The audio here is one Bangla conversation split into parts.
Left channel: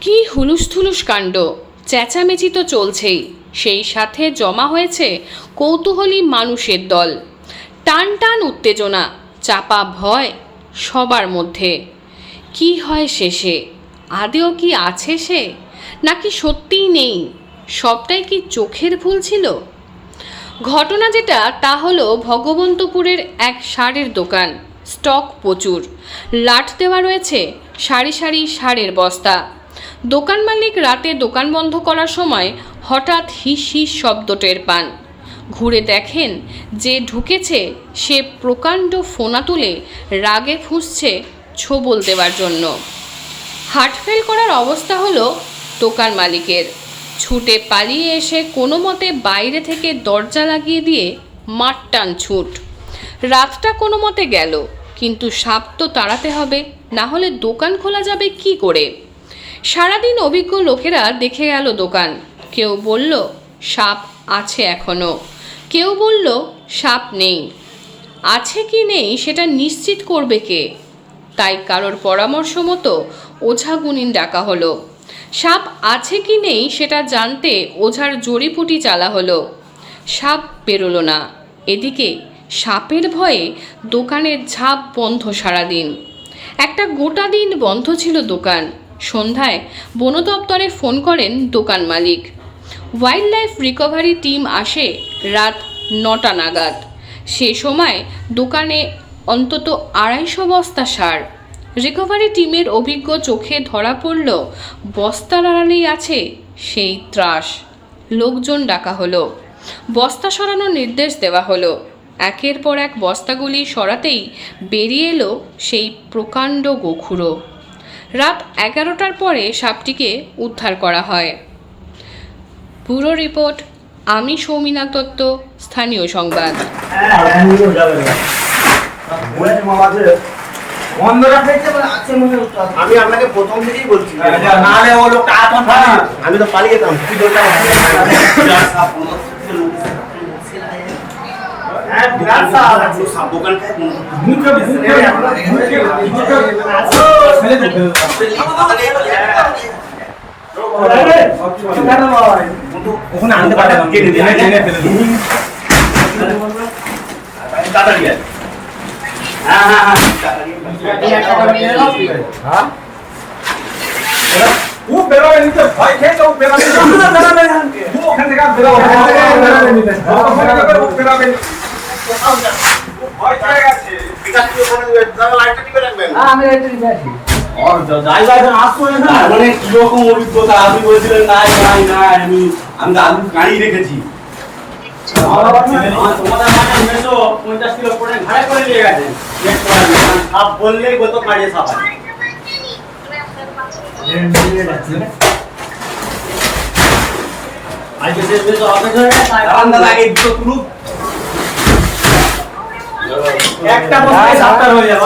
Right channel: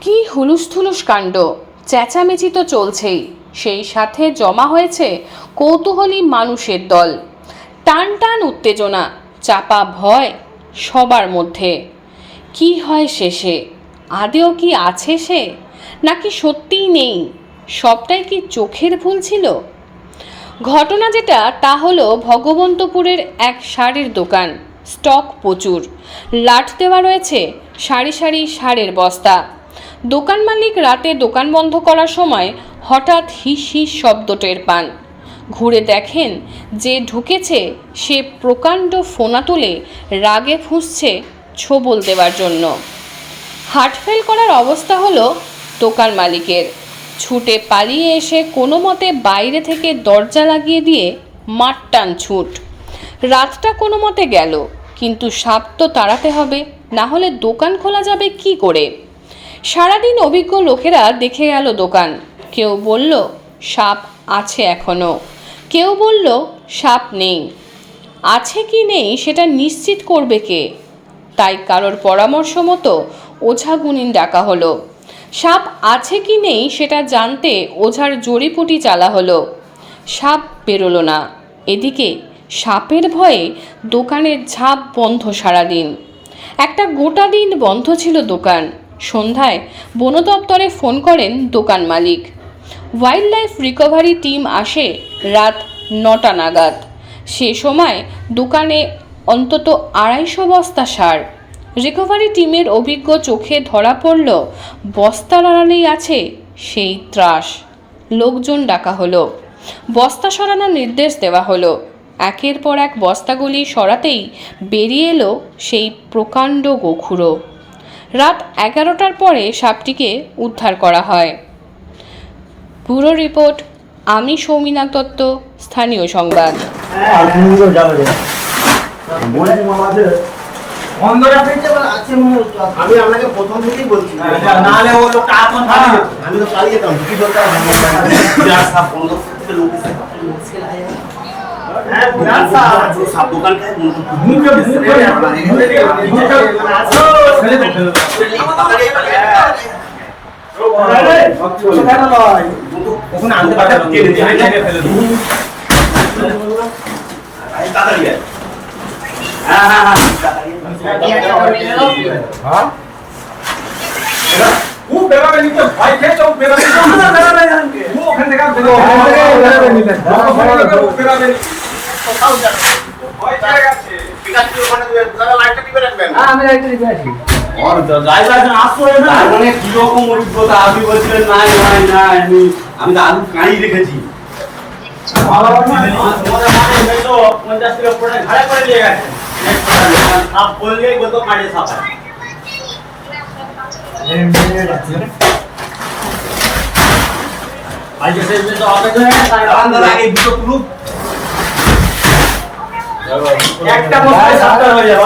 কি হুলুস থুলুস কাণ্ড? চেঁচামেচি তো চলছেই। সেই সাথে জমা হয়েছে কৌতূহলী মানুষের দল। টান টান উত্তেজনা, চাপা ভয় সবার মধ্যে। কি হয় শেষে? আদেও কি আছে সে? নাকি সত্যিই নেই? সবটাই কি চোখের ভুল ছিল? ঘটনা যেটা, তা হলো ভগবন্তপুরের এক শাড়ির দোকান। স্টক প্রচুর। লাট দেওয়া রয়েছে সারি সারি সারের বস্তা। দোকান মালিক রাতে দোকান বন্ধ করার সময় হঠাৎ হিস হিস শব্দ টের পান। ঘুরে দেখেন যে ঢুকেছে সে প্রকাণ্ড ফোনা তুলে রাগে ফুঁসছে ছোবল দেওয়ার জন্য। হার্টফেল করার অবস্থা হলো দোকান মালিকের। ছুটে পালিয়ে এসে কোনো মতে বাইরে থেকে দরজা লাগিয়ে দিয়ে মাঠটান ছুট। রাতটা কোনো মতে গেল, কিন্তু সাপ তো তাড়াতে হবে, না হলে দোকান খোলা যাবে কি করে? সারাদিন অভিজ্ঞ লোকেরা দেখে গেল দোকান। কেউ বলল, সাপ আছে এখনও কেউ বলল, সাপ নেই। আছে কি নেই, সেটা নিশ্চিত করবে কে? তাই কারোর পরামর্শ মতো ওঝা গুনিন ডাকা হলো। সাপ আছে কি নেই সেটা জানতে ওঝার জড়িপুটি চালা হলো। সাপ বেরোলো না। এদিকে সাপের ভয়ে দোকানের ঝাঁপ বন্ধ সারাদিন। একটা গোটা দিন বন্ধ ছিল দোকান। সন্ধ্যায় বন দপ্তরে ফোন করেন দোকান মালিক। ওয়াইল্ড লাইফ রিকভারি টিম আসে রাত নটা নাগাদ। সে সময় দোকানে অন্তত আড়াইশো বস্তা সার। রিকভারি টিমের অভিজ্ঞ চোখে ধরা পড়ল, বস্তার আড়ালেই আছে সেই ত্রাস। লোকজন ডাকা হলো। বস্তা সরানোর নির্দেশ দেওয়া হলো। একের পর এক বস্তাগুলি সরাতেই বেরিয়ে এলো সেই প্রকাণ্ড গোখুরো। রাত এগারোটার পরে সাপটিকে উদ্ধার করা হয়। ব্যুরো রিপোর্ট, আমি সৌমিনা দত্ত, স্থানীয় সংবাদ। আমি আপনাকে প্রথম থেকেই বলছি ও লোকটা পালিয়ে আমি তো পালিয়ে যেতাম কি দরকার বিরাট সাপ বন্ধ করতে লোক হ্যাঁ, ওখানে আনতে। হ্যাঁ হ্যাঁ হ্যাঁ হ্যাঁ? ও বেরোবে নিতে ভয় খেয়েছে ও বেরোবে ও ওখান থেকে বেরোবে ওখান থেকে বেরোবে নিতে। বেরোবে কোথাও যাবে? ও ভয় পেয়ে গেছে। ঠিক আছে ওখানে লাইটটা রাখবেন? তার মানে কীরকম অভিজ্ঞতা? আপনি বলছিলেন নাই নাই নাই আমি আমি তো আলু গাড়ি রেখেছি। পঞ্চাশ কিলো পরে ঘাড়ে করে নিয়ে গেছে সাপ বললেই কত কাজে সাপ আজকে শেষ বেশ আমাদের দাঁড়ান দাদা আগে দুটো তুলুক একটা বস্তায় সাতটা হয়ে যাবে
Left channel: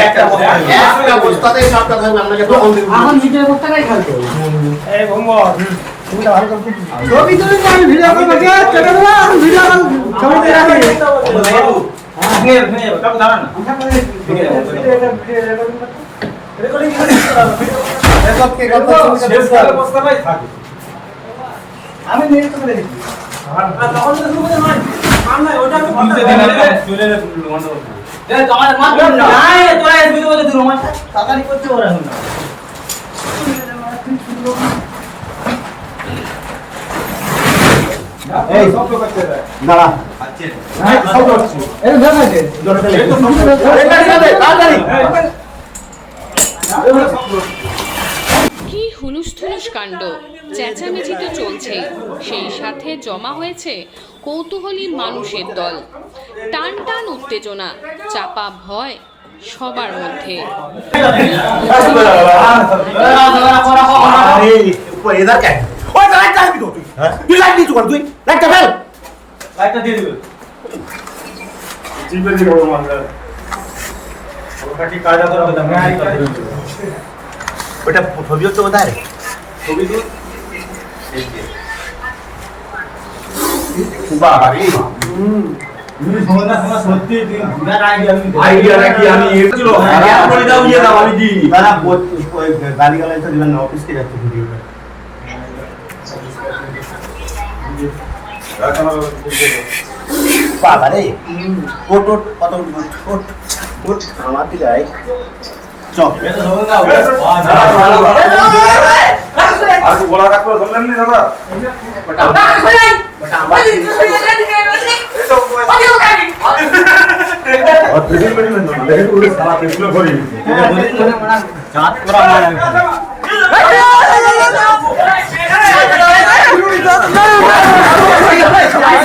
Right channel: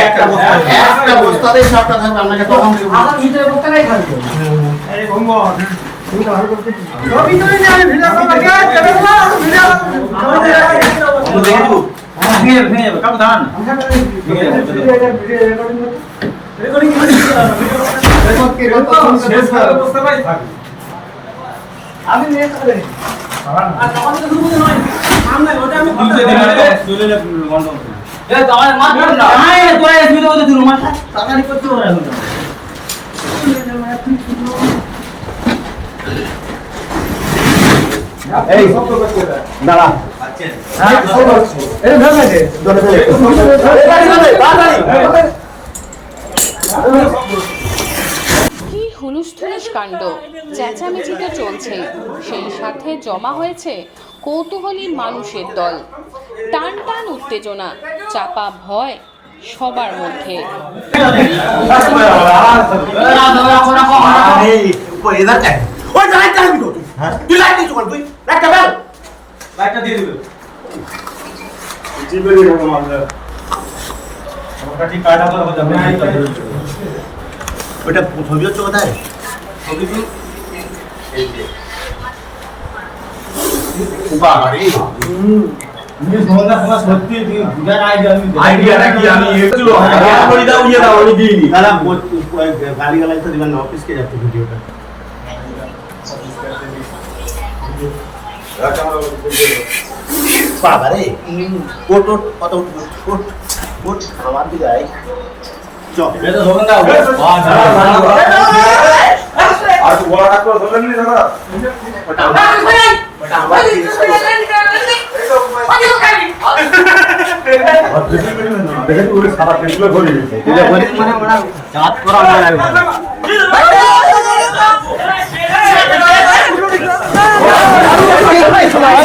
একটা বস্তা একটা বস্তাতে সাপটা থাকবে আপনাকে প্রথম থেকে বলছি। এই ভঙ্গ আমরা দেখে দেবো। ভেঙে ভেঙে যাবে কাকু আমি নিয়ে চলে গেছি আর তখন তো শুরু করতে নয় ওটা আমি বন্ধ করতে। এ তোমার মাথা না। নাই তোরা এসবি তো বলতে দিন মাথা তাড়াতাড়ি করতে পারে এখন এই দাঁড়া হ্যাঁ কি হুলুস থুলুস কাণ্ড চেঁচামেচি তো চলছেই সেই সাথে জমা হয়েছে কৌতূহলী মানুষের দল টান টান উত্তেজনা চাপা ভয় সবার মধ্যে আরে ও এদার কে ওই লাইট জ্বালাবি তো তুই হ্যাঁ তুই লাইট দিচ্ছ তুই লাইট জ্বালাও লাইটটা দিয়ে দিবে জিপে দিয়ে দেবো আমরা ওটা ঠিক কাটা তো দাদা ওটা ছবি হচ্ছে কোথায় রে ছবি দিন এই যে বাবা রে আইডিয়া নাকি আমি একটু আইডিয়া করে দাও ইয়ে দাও আমি দিইনি गाली गलत तो दिमाग ऑफिस के जाते वीडियो पे বাবা রে কোট ওট কত উঠ কোট কোট আমার দিকে না আর বড় ডাক্তার ধরলেন নি মানে জাত করা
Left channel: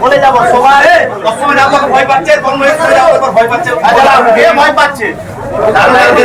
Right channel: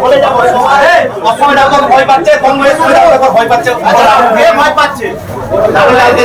বলে যাব সবাই কখন যখন ভয় পাচ্ছে কংগ্রেস ভয় পাচ্ছে ভয় পাচ্ছে যে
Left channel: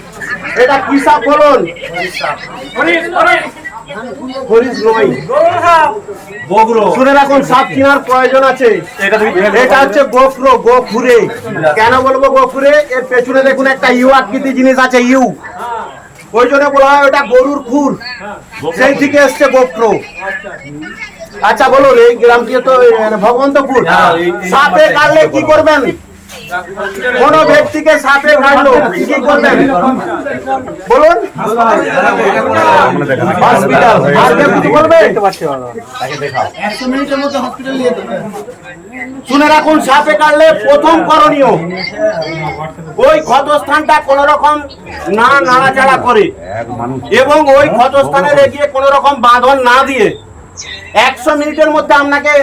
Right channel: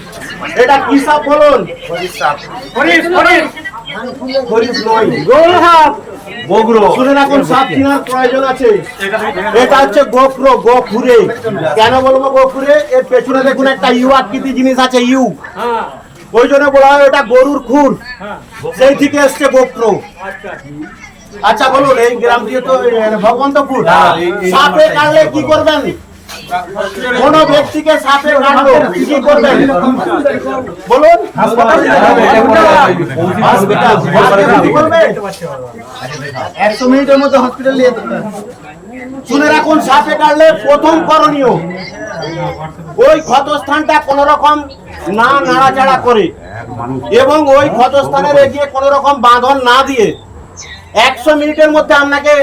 এটা কি সাপ বলুন? হরিশ নয়। বগরো। শুনে রাখুন সাপ কেনার প্রয়োজন আছে। এটা হচ্ছে গোখরো গোখুরে কেন বলব গোখুরে এর পেছনে দেখুন একটা ইউ আকৃতি জিনিস আছে ইউ। ওই জন্য বলা হয় ওটা গরুর খুর। সেই থেকে এসছে গোখরো আচ্ছা বলুন এই গ্রামটি তো ভগবন্তপুর। সাপে কাটলে কি করবেন? কোন ব্যক্তিকে সাপে কাটলো, কি করবেন? বলুন। একশো মিনিটের মধ্যে হসপিটাল নিয়ে শুনে রাখুন, সাপে কাটলে প্রথম করণীয় ওই ক্ষতস্থানটা কোন রকম না নাড়াচাড়া করে এবং ওই ক্ষতস্থানে গিয়ে কোন রকম বাঁধন না দিয়ে একশো মিনিটের মধ্যে আপনাকে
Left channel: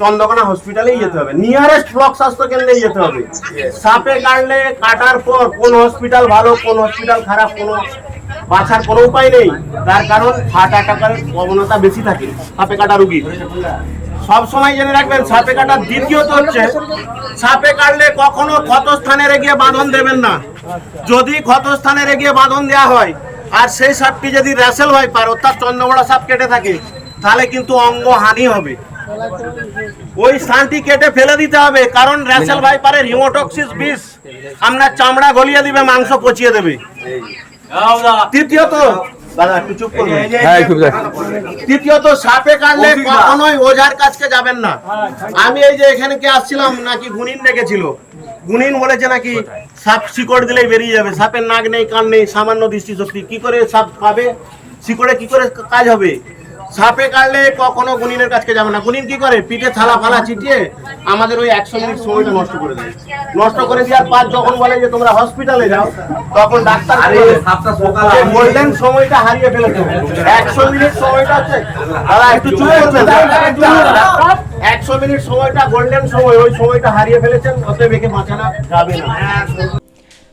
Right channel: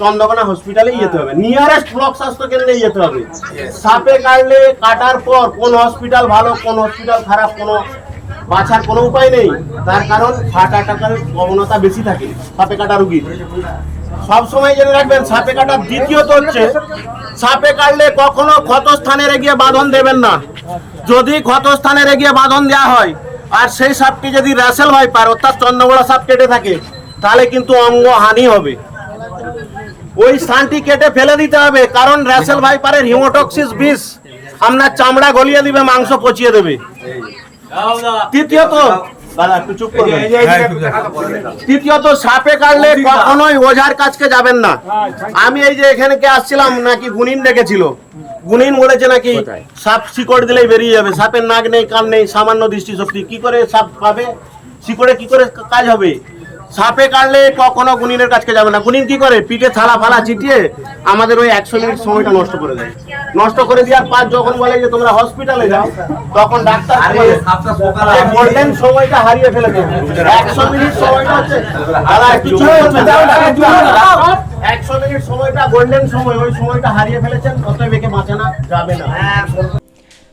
চন্দ্রকোনা হসপিটালেই যেতে হবে। নিয়ারেস্ট ব্লক স্বাস্থ্য কেন্দ্রেই যেতে হবে। সাপে কাটলে কাটার পর কোন হসপিটাল ভালো কোন হসপিটাল খারাপ কোনো বাছার কোনো উপায় নেই। তার কারণ হার্ট অ্যাটাকের প্রবণতা বেশি থাকে সাপে কাটা রুগীর। সব সময় জেনে রাখবেন সাপে কাটার দ্বিতীয়ত হচ্ছে সাপে কাটলে কখনো ক্ষতস্থানে গিয়ে বাঁধন দেবেন না। যদি ক্ষতস্থানে গিয়ে বাঁধন দেওয়া হয় আর সেই সাপটি যদি র্যাসেল ভাইপার অর্থাৎ চন্দ্রগোড়া সাপ কেটে থাকে তাহলে কিন্তু অঙ্গ হানি হবে। ওই স্থানটি কেটে ফেলে দিতে হবে কারণ র্যাসেল ভাইপারের হিমোটক্সিস বিষ আপনার চামড়া গলিয়ে দিবে মাংস পচিয়ে দেবে। তৃতীয়ত দাদা একটু চুপ করবেন। তৃতীয়ত সাপে কাটলে কখনোই ওঝার কাছকে যাবেন না। আমি এই যে এখানে কে আসছিলাম নাকি গুনিন ডেকেছিল। গুনিন বলেছে নাকি সাপ শিকড় দিলেই বেরিয়ে যাবে সাপের নাক নেই কান নেই সামান্য দৃষ্টিশক্তি। কি করে সাপ পাবে? শিকড়ে কি করে কাজ হবে? সাপে কাটলে কখনো গুনিনের কাছকে যাবে না। গুনিন কি করে? পিঠে থালা ফালা চিটিয়ে আমাদের ওই একশো মিনিট সময়টা নষ্ট করে দেয়। নষ্ট করে দেওয়ার পর যখন বলে যে তোমরা হসপিটালে যাও তখন ডাক্তার গোল্ডেন সময়টা হারিয়ে ফেলেছে। একশো মিনিট সময়টা হচ্ছে দাদা একটু চুপ করবেন একশো মিনিট সময়টা গোল্ডেন সময় ওই সময়টা হারিয়ে ফেলেছেন অতএব একে বাঁচানো যাবে না।